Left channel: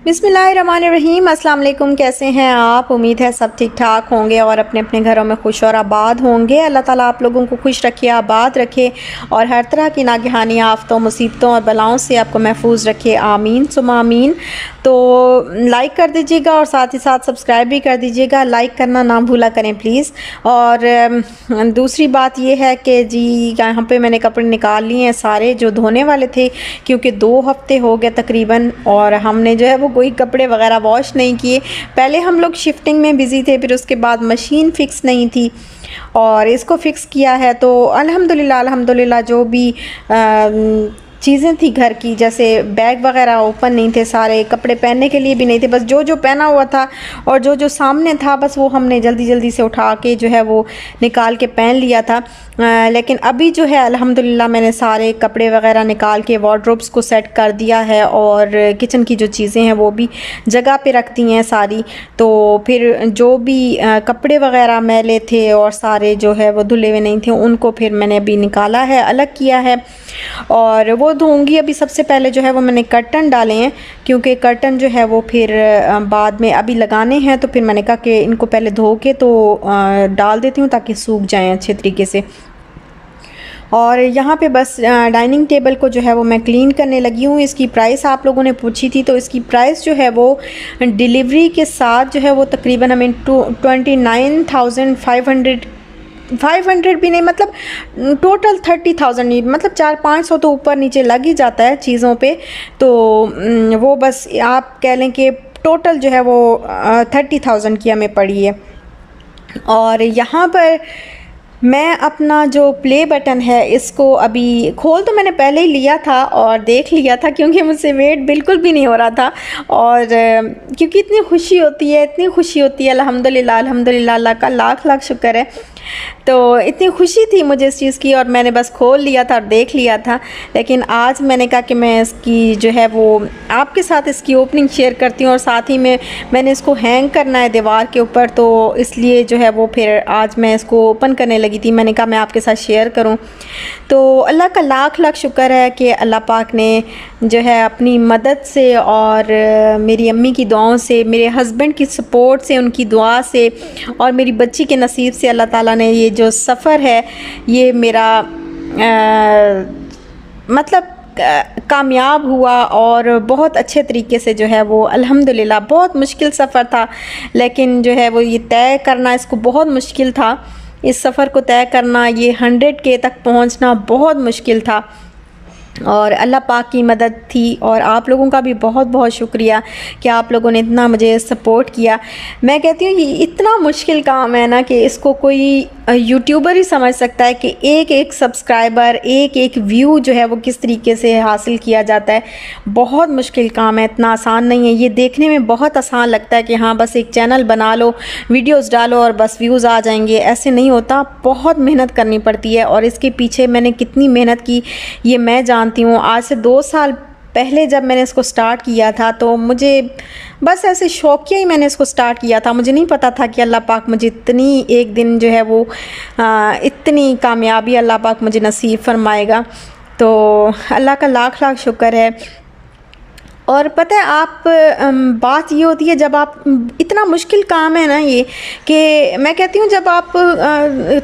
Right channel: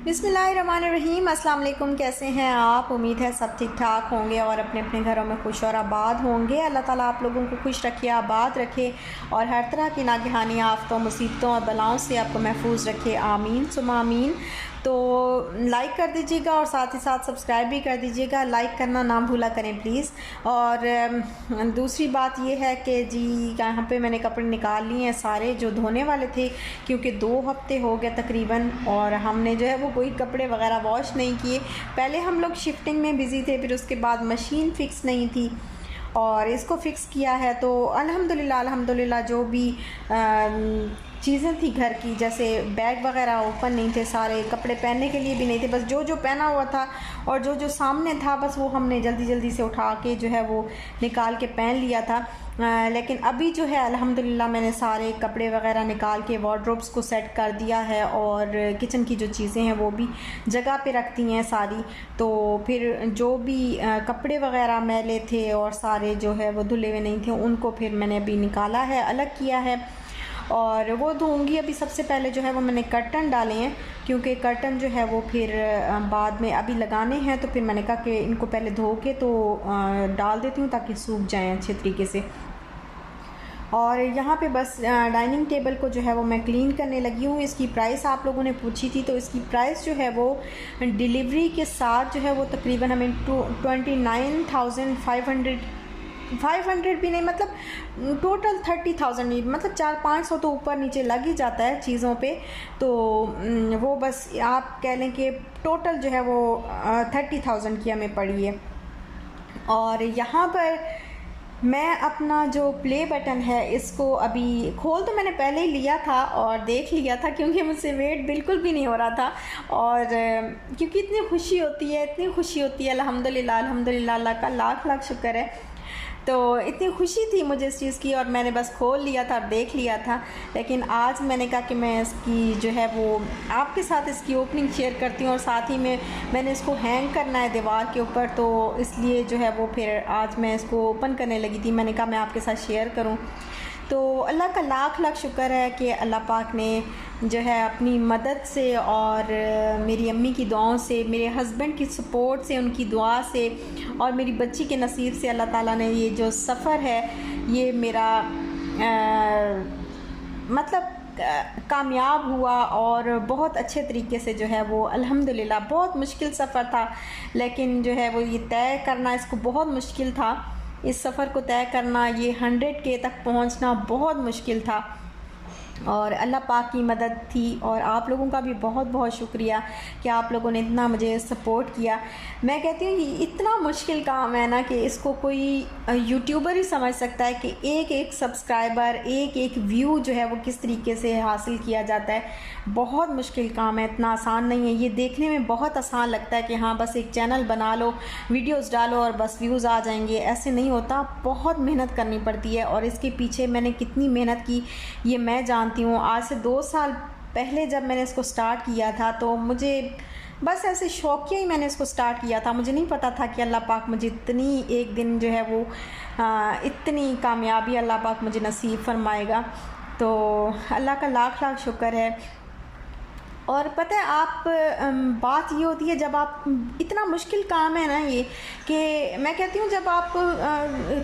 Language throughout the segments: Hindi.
बिस्मिल्लाहिर्रहमानिर्रहीम। अस्सलाम वालेकुम। कैसे हैं आप? उम्मीद है सब ठीक ठाक होंगे और अपने अपने घरों में खुश और आबाद होंगे। अल्लाह ताला आप लोगों को खुश रखे, आबाद रखे और हर तरह की नागहानी आफ़तों, मुसीबतों और बलाओं से आपको महफूज रखे। आमीन सुमा आमीन। तो लाइक कर दीजिएगा और साथ ही साथ सब्सक्राइब भी कर दीजिएगा। लाइक करना ना भूला करें प्लीज़। और दूसरी बात ये है कि जी यहाँ पे मैंने कपड़े निकाल लिए हैं सारे जो धोने वाले थे, क्योंकि 2 हफ्ते हो गए तकरीबन और हमने जो है वो कोई कपड़े वगैरह वॉश नहीं किए। पहले हम लोग शिफ्टिंग में बिज़ी थे, फिर उसके बाद मशीन फ़िक्स नहीं थी और इसको फ़िक्स किया है। तो अल्हम्दुलिल्लाह जो भी चीज़ें थी घर की, जैसे बैग वगैरह ओपन नहीं थे, सारे कपड़े पहनने के लिए भी नहीं थे, बस जो जो पहना हुआ था और जो जो सामने था बस वो हमने जल्दी जल्दी से उठा के जो है वो निकाल के पहन लिया था। लेकिन अभी जो है अल्हम्दुलिल्लाह मैंने सारे कपड़े वगैरह निकाल के वार्डरोब्स को सेट कर दिया है और किचन की जो चीज़ें हैं वो भी जगह पे रख दी हैं सारी। तो फिर जो भी कपड़े वगैरह मैले थे और सारे जो है वो धुले हुए नहीं थे उनको फिर मैंने अभी निकाला है, अलग किया है और वो धोऊंगी। अभी सबसे पहले जो है वो मैंने कर्टन डाले हैं, क्योंकि कर्टन जो है वो फिर बाद में अभी लगाने हैं, तो फिर मैंने कहा कि इनको पहले धो के तो डाल देती हूँ ताकि सूख जाएं अच्छे तरीके से। और यहाँ पे बस डाइनिंग टेबल को जो है वो मैं क्लीन करने लगी हूँ। इसकी प्राइस आप लोगों ने पूछी थी, तो इसकी प्राइस जो है वो डिलीवरी के साथ जो है वो तकरीबन हमें 500 भी नहीं, मतलब टोटल 30,000, मतलब 400-500 तो ऊपर नीचे लग ही जाता है चीज़ों पे। तो वो बस आप कह लें कि टोटल जो है वो 30,000 की हमें पड़ी है। और यहाँ पर मैं अपना जो प्ले बटन है इसको अभी खोल तो मैंने पहले ही लिया था और देख लिया था, क्योंकि मुझसे वेट बिल्कुल भी नहीं हो रहा था। और क्योंकि इतनी खुशी होती है, इतनी खुशी होती है, अल्हम्दुलिल्लाह अल्हम्दुलिल्लाह, अल्लाह का लाख लाख शुक्र है। तो इतनी खुशी थी मुझे इस चीज़ की और मैंने बस खोल लिया था और देख लिया था। लेकिन आज मैंने कहा कि मैं इसकी जो है वो आपके साथ इसकी ओपनिंग शेयर करती हूँ और साथ ही में मैंने इसको हैंग करना है दीवार के ऊपर, तो इसलिए जो है वो फिर आज मैं इसको ओपन करने लगी थी। मैंने कहा मैं आपके साथ शेयर करूँ। तो अल्लाह का लाख लाख शुक्र है कि अल्लाह पाक ने जो है अपनी मदद से और मेरी अम्मी की दुआओं से, मेरे हस्बैंड की सपोर्ट से, उनकी दुआ से और मेरी बच्ची के नसीब से अल्लाह ताला ने ये जो सफ़र है ये मेरा मतलब कामयाब हुआ और बहुत अच्छे तरीके से जो है वो अल्हम्दुलिल्लाह। बहुत मुश्किल सफ़र था, लेकिन जो है वो ये तय करना इसको बहुत मुश्किल था। इस सफ़र को तय करना, ये 100K तक पहुंचना बहुत मुश्किल था और अल्लाह पाक की मदद थी। और आप लोगों का भी बहुत बहुत शुक्रिया कि आप लोगों ने इतना मुझे सपोर्ट किया। मैं कहती हूँ ये इतना मुश्किल काम है ना कि इसको कोई यूट्यूबर ही समझ सकता है कि एक एक सब्सक्राइबर, एक एक व्यू जो है वो किस तरीके से हासिल किया जाता है। बहुत मुश्किल काम है, इतना आसान नहीं है। ये देखने में बहुत आसान लगता है कि हाँ बस एक चैनल बना लो, वीडियोस डालो और बस व्यूज़ आ जाएंगे, ऐसे नहीं होता। बहुत मेहनत करनी पड़ती है और इसके पीछे मैंने कितनी मेहनत की ये मैं जानती हूँ। आज से 2 साल पहले जब मैंने इसको स्टार्ट किया था तो मुझे बस ऐसे शौकिया ही मैंने इसको स्टार्ट किया था। मुझे नहीं पता था कि अल्लाह पाक मुझे इतनी एक दिन जो है वो इतनी कामयाबी अल्लाह पाक मुझे नसीब फरमाएगा। तो अल्लाह का लाख लाख शुक्र है। और पता है आप बात ये होती है जब आप इतना मुश्किल काम है ना ये, कि मैं कहती हूँ जब आप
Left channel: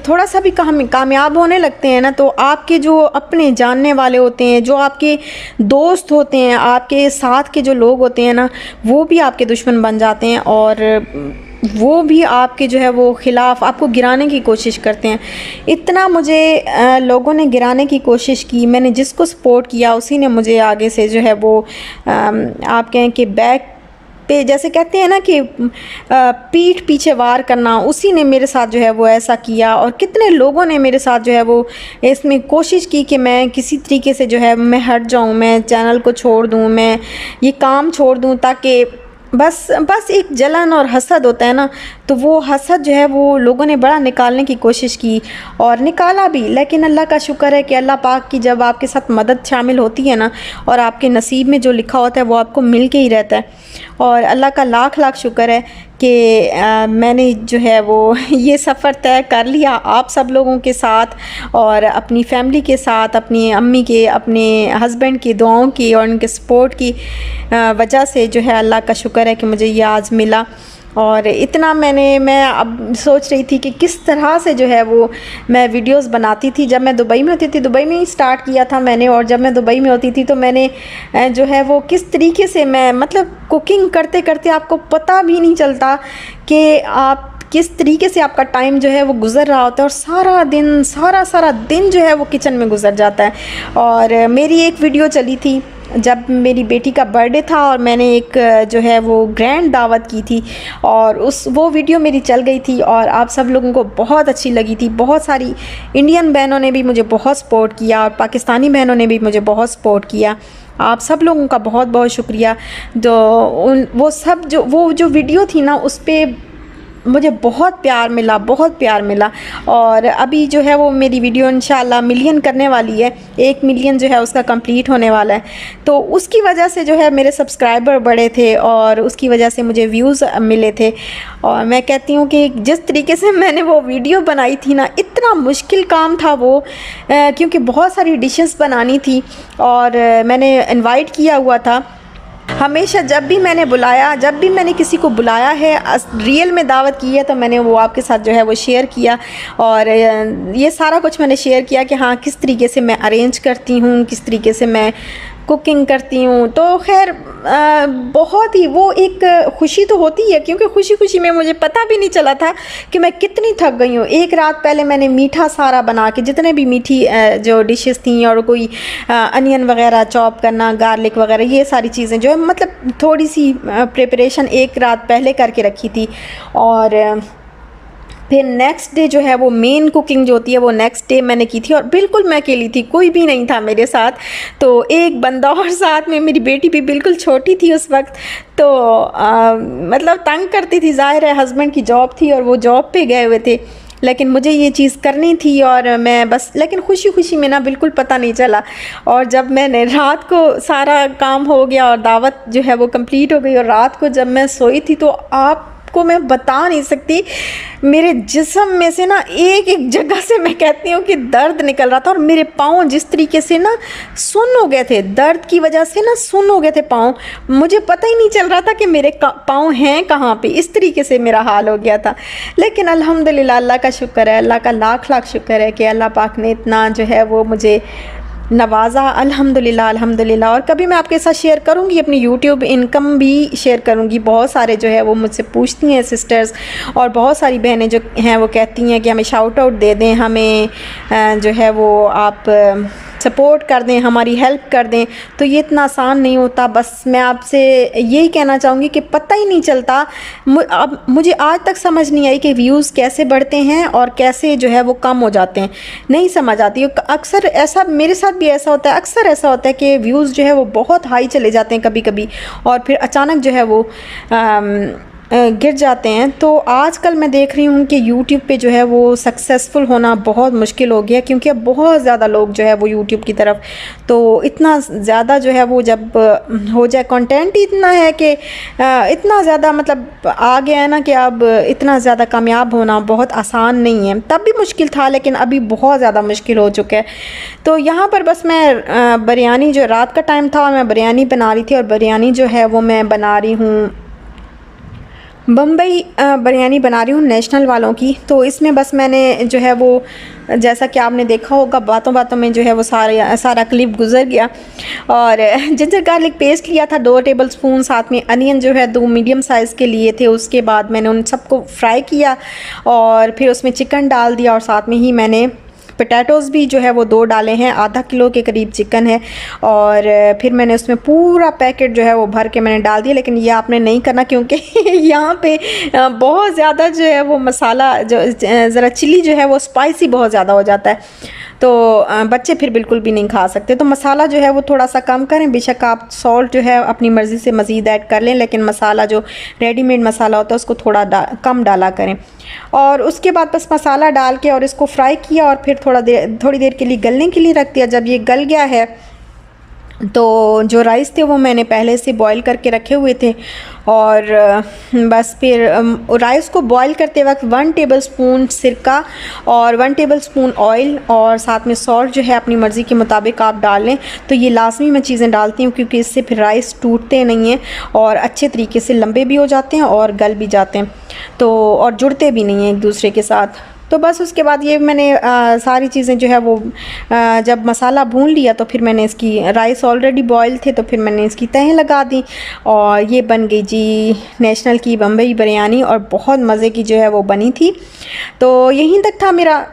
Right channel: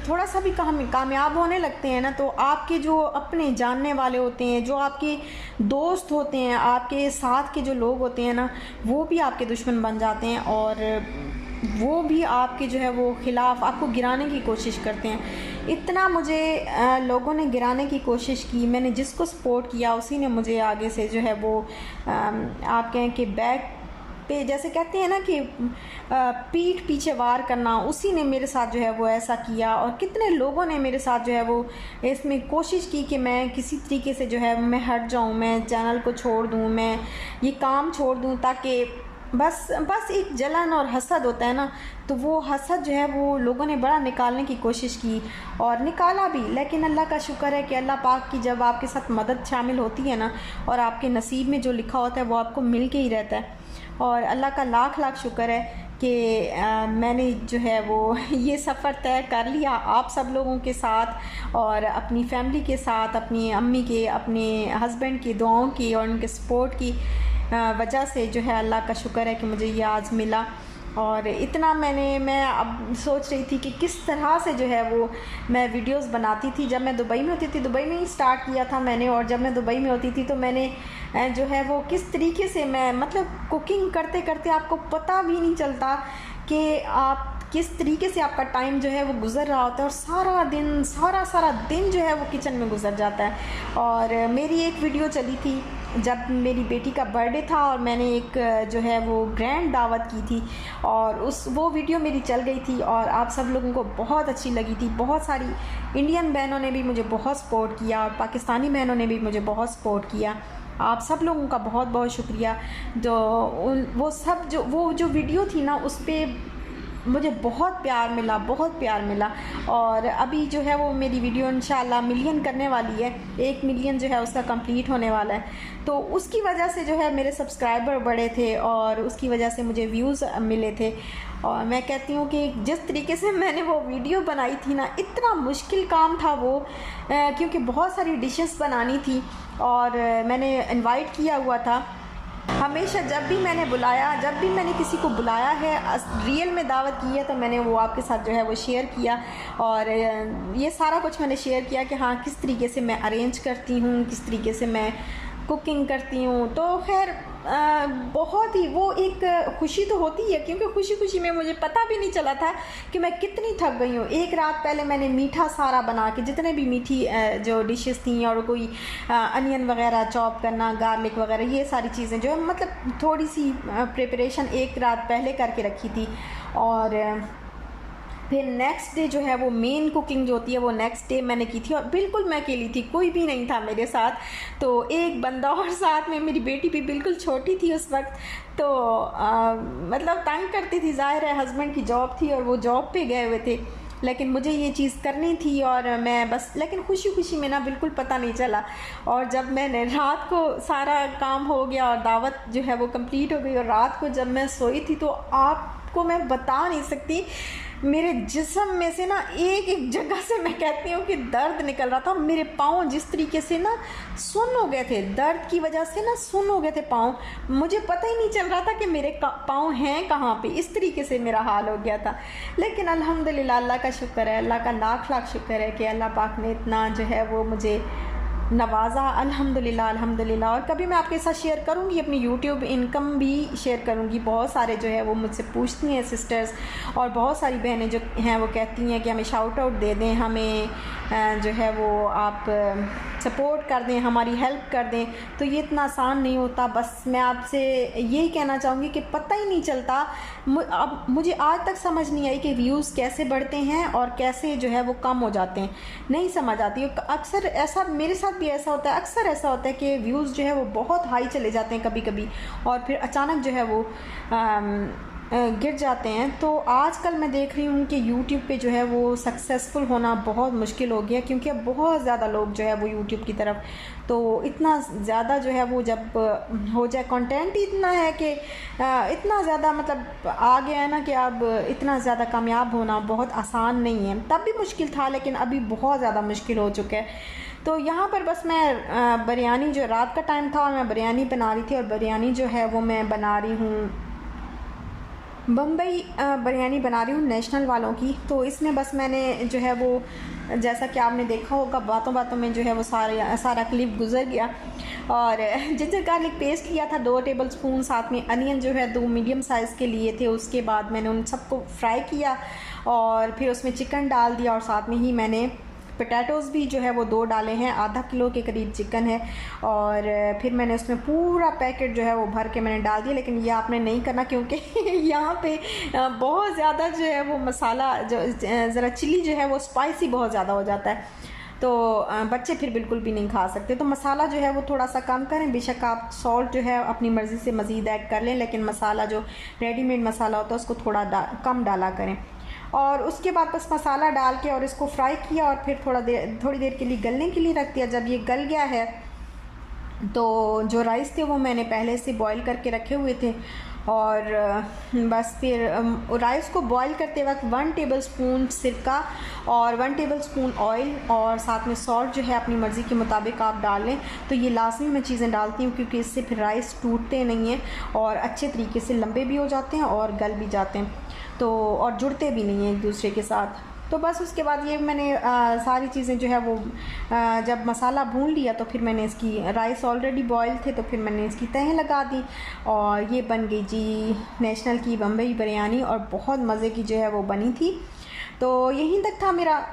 थोड़ा सा भी कामयाब होने लगते हैं ना, तो आपके जो अपने जानने वाले होते हैं, जो आपके दोस्त होते हैं, आपके साथ के जो लोग होते हैं ना, वो भी आपके दुश्मन बन जाते हैं और वो भी आपके जो है वो ख़िलाफ़ आपको गिराने की कोशिश करते हैं। इतना मुझे लोगों ने गिराने की कोशिश की, मैंने जिसको सपोर्ट किया उसी ने मुझे आगे से जो है वो आप कहें कि बैक पे, जैसे कहते हैं ना कि पीठ पीछे वार करना, उसी ने मेरे साथ जो है वो ऐसा किया। और कितने लोगों ने मेरे साथ जो है वो इसमें कोशिश की कि मैं किसी तरीके से जो है मैं हट जाऊं, मैं चैनल को छोड़ दूं, मैं ये काम छोड़ दूं, ताकि बस एक जलन और हसद होता है ना, तो वो हसद जो है वो लोगों ने बड़ा निकालने की कोशिश की और निकाला भी। लेकिन अल्लाह का शुक्र है कि अल्लाह पाक की जब आपके साथ मदद शामिल होती है ना, और आपके नसीब में जो लिखा होता है वो आपको मिल के ही रहता है। और अल्लाह का लाख लाख शुक्र है कि मैंने जो है वो ये सफ़र तय कर लिया आप सब लोगों के साथ और अपनी फैमिली के साथ, अपनी अम्मी के, अपने हस्बैंड की दुआओं की और उनके सपोर्ट की वजह से जो है अल्लाह का शुक्र है कि मुझे ये आज मिला। और इतना मैं अब सोच रही थी कि किस तरह से जो है वो मैं वीडियोस बनाती थी। जब मैं दुबई में होती थी, दुबई में ही स्टार्ट किया था मैंने, और जब मैं दुबई में होती थी तो मैंने जो है वो किस तरीके से मैं मतलब कुकिंग करते करते आपको पता भी नहीं चलता कि आप किस तरीके से आपका टाइम जो है वो गुज़र रहा होता है, और सारा दिन सारा दिन जो है वो किचन में गुज़र जाता है। और मेरी एक वीडियो चली थी जब मेरी बेटी का बर्थडे था और मैंने एक जो है वो ग्रैंड दावत की थी, और वो वीडियो मेरी चल गई थी और आप सब लोगों को बहुत अच्छी लगी थी। बहुत सारी इंडियन बहनों ने भी मुझे बहुत सपोर्ट किया और पाकिस्तानी बहनों ने भी मुझे बहुत सपोर्ट किया। आप सब लोगों का बहुत बहुत शुक्रिया। वो जो वीडियो थी ना, उस पर मुझे बहुत प्यार मिला, बहुत प्यार मिला। और अभी जो है वो मेरी वीडियो इंशाल्लाह मिलियन करने वाली है, 1 मिलियन जो है उसका कंप्लीट होने वाला है। तो उसकी वजह से जो है मेरे सब्सक्राइबर बढ़े थे और उसकी वजह से मुझे व्यूज़ मिले थे। और मैं कहती हूँ कि जिस तरीके से मैंने वो वीडियो बनाई थी ना, इतना मुश्किल काम था वो, क्योंकि बहुत सारी डिशेस बनानी थी और मैंने इनवाइट किया हुआ था। हमेशा जब भी मैंने किसी को बुलाया है, रियल में दावत की है, तो मैंने वो आपके साथ जो है वो शेयर किया। और ये सारा कुछ मैंने शेयर किया कि हाँ किस तरीके से मैं अरेंज करती हूँ, किस तरीके से मैं कुकिंग करती हूँ। तो खैर बहुत ही वो एक खुशी तो होती है, क्योंकि खुशी में मुझे पता भी नहीं चला था कि मैं कितनी थक गई हूँ। एक रात पहले मैंने मीठा सारा बना के, जितने भी मीठी जो डिशेस थी और कोई अनियन वगैरह चॉप करना, गार्लिक वगैरह, ये सारी चीज़ें जो है मतलब थोड़ी सी प्रिपरेशन एक रात पहले करके रखी थी। और फिर नेक्स्ट डे जो है वो मेन कुकिंग जो होती है वो नेक्स्ट डे मैंने की थी, और बिल्कुल मैं अकेली थी, कोई भी नहीं था मेरे साथ। तो एक बंदा और साथ में, मेरी बेटी भी बिल्कुल छोटी थी उस वक्त, तो मतलब तंग करती थी। ज़ाहिर है हस्बैंड की जॉब थी और वो जॉब पे गए हुए थे, लेकिन मुझे ये चीज़ करनी थी और मैं बस, लेकिन खुशी में ना बिल्कुल पता नहीं चला। और जब मैंने रात को सारा काम हो गया और दावत जो है वो कंप्लीट हो गई, और रात को जब मैं सोई थी तो आपको मैं बता नहीं सकती, मेरे जिस्म में से ना एक जगह से मैं कहती हूँ कि दर्द निकल रहा था। और मेरे पाँव जिस तरीके से ना सुन्न हो गए थे, दर्द की वजह से ना सुन्न हो गए थे पाँव, मुझे पता ही नहीं चल रहा था कि मेरे पाँव हैं कहाँ पे। इस तरीके से मेरा हाल हो गया था। लेकिन अल्हम्दुलिल्लाह, अल्लाह का शुक्र है, अल्लाह का लाख शुक्र है कि अल्लाह पाक ने इतना जो है वो मुझे नवाज़ा। अल्हम्दुलिल्लाह। और कभी मैं आपके साथ शेयर करूँगी अपनी यूट्यूब इनकम भी शेयर करूँगी। बहुत सारे जो है वो मुझसे पूछती हैं सिस्टर्स, और बहुत सारी बहनें जो हैं वो कहती हैं कि हमें शाउट आउट दे दें, हमें जो है वो आप सपोर्ट कर दें, हमारी हेल्प कर दें। तो ये इतना आसान नहीं होता। बस मैं आपसे यही कहना चाहूँगी कि पता ही नहीं चलता। अब मुझे आज तक समझ नहीं आई कि व्यूज़ कैसे बढ़ते हैं और कैसे जो है वो कम हो जाते हैं, नहीं समझ आती। अक्सर ऐसा मेरे साथ भी ऐसा होता है, अक्सर ऐसा होता है कि व्यूज़ जो है वो बहुत हाई चले जाते हैं कभी कभी, और फिर अचानक जो है वो गिर जाते हैं। तो आजकल मैं देख रही हूँ कि यूट्यूब पे जो है वो सक्सेसफुल होना बहुत मुश्किल हो गया, क्योंकि अब बहुत ज़्यादा लोग जो है वो यूट्यूब की तरफ, तो इतना ज़्यादा जो है वो जब हो जाए, कंटेंट ही इतना है कि इतना ज़्यादा मतलब आ गया है ना कि अब इतना ज़्यादा कामयाब होना बहुत आसान नहीं है। तब भी मुश्किल था, लेकिन अभी बहुत ज़्यादा मुश्किल हो चुका है। तो यहाँ पर बस मैं बिरयानी, जो रात का टाइम था और मैं बिरयानी बना रही थी, और बिरयानी जो है वो मैं बना रही हूँ बम्बई बिरयानी बना रही हूँ नेशनल वालों की। तो इसमें बस मैंने जो है वो, जैसा कि आपने देखा होगा, बातों में जो है वो सारा क्लिप गुजर गया। और जिंजर गार्लिक पेस्ट लिया था 2 टेबलस्पून, साथ में अनियन जो है 2 मीडियम साइज़ के लिए थे। उसके बाद मैंने उन सबको फ्राई किया और फिर उसमें चिकन डाल दिया, और साथ में ही मैंने पोटैटोज़ भी जो है वो 2 डाले हैं। आधा किलो के करीब चिकन है, और फिर मैंने उसमें पूरा पैकेट जो है वो भर के मैंने डाल दिया। लेकिन ये आपने नहीं करना, क्योंकि यहाँ पे बहुत ज़्यादा जो है वो मसाला, जो ज़रा चिली जो है वो स्पाइसी बहुत ज़्यादा हो जाता है, तो बच्चे फिर बिल्कुल भी नहीं खा सकते। तो मसाला जो है वो थोड़ा सा कम करें। बेशक आप सॉल्ट जो है अपनी मर्ज़ी से मज़ीद ऐड कर लें, लेकिन मसाला जो रेडीमेड मसाला होता है उसको थोड़ा कम डाला करें। और उसके बाद बस मसाला डाल के और इसको फ्राई किया, और फिर थोड़ी देर के लिए गलने के लिए रख दिया। जब ये गल गया है तो जो राइस थे वो मैंने पहले से बॉईल करके रखे हुए थे, और बस फिर राइस को बॉईल करते वक्त 1 टेबलस्पून सिरका और 1 टेबलस्पून ऑयल और साथ में सॉल्ट जो है अपनी मर्ज़ी के मुताबिक आप डाल लें। तो ये लाजमी मैं चीज़ें डालती हूँ क्योंकि इससे फिर राइस टूटते नहीं हैं और अच्छे तरीके से लंबे भी हो जाते हैं और गल भी जाते हैं, तो और जुड़ते भी नहीं हैं एक दूसरे के साथ। तो बस उसके बाद ये मैंने सारी चीज़ें जो है वो जब मसाला भून लिया तो फिर मैंने इसकी राइस ऑलरेडी बॉयल थे तो फिर मैंने इसकी तहें लगा दी और ये बन गई जी नेशनल की बम्बई बिरयानी और बहुत मज़े की जो है वो बनी थी। तो यहीं तक था मेरा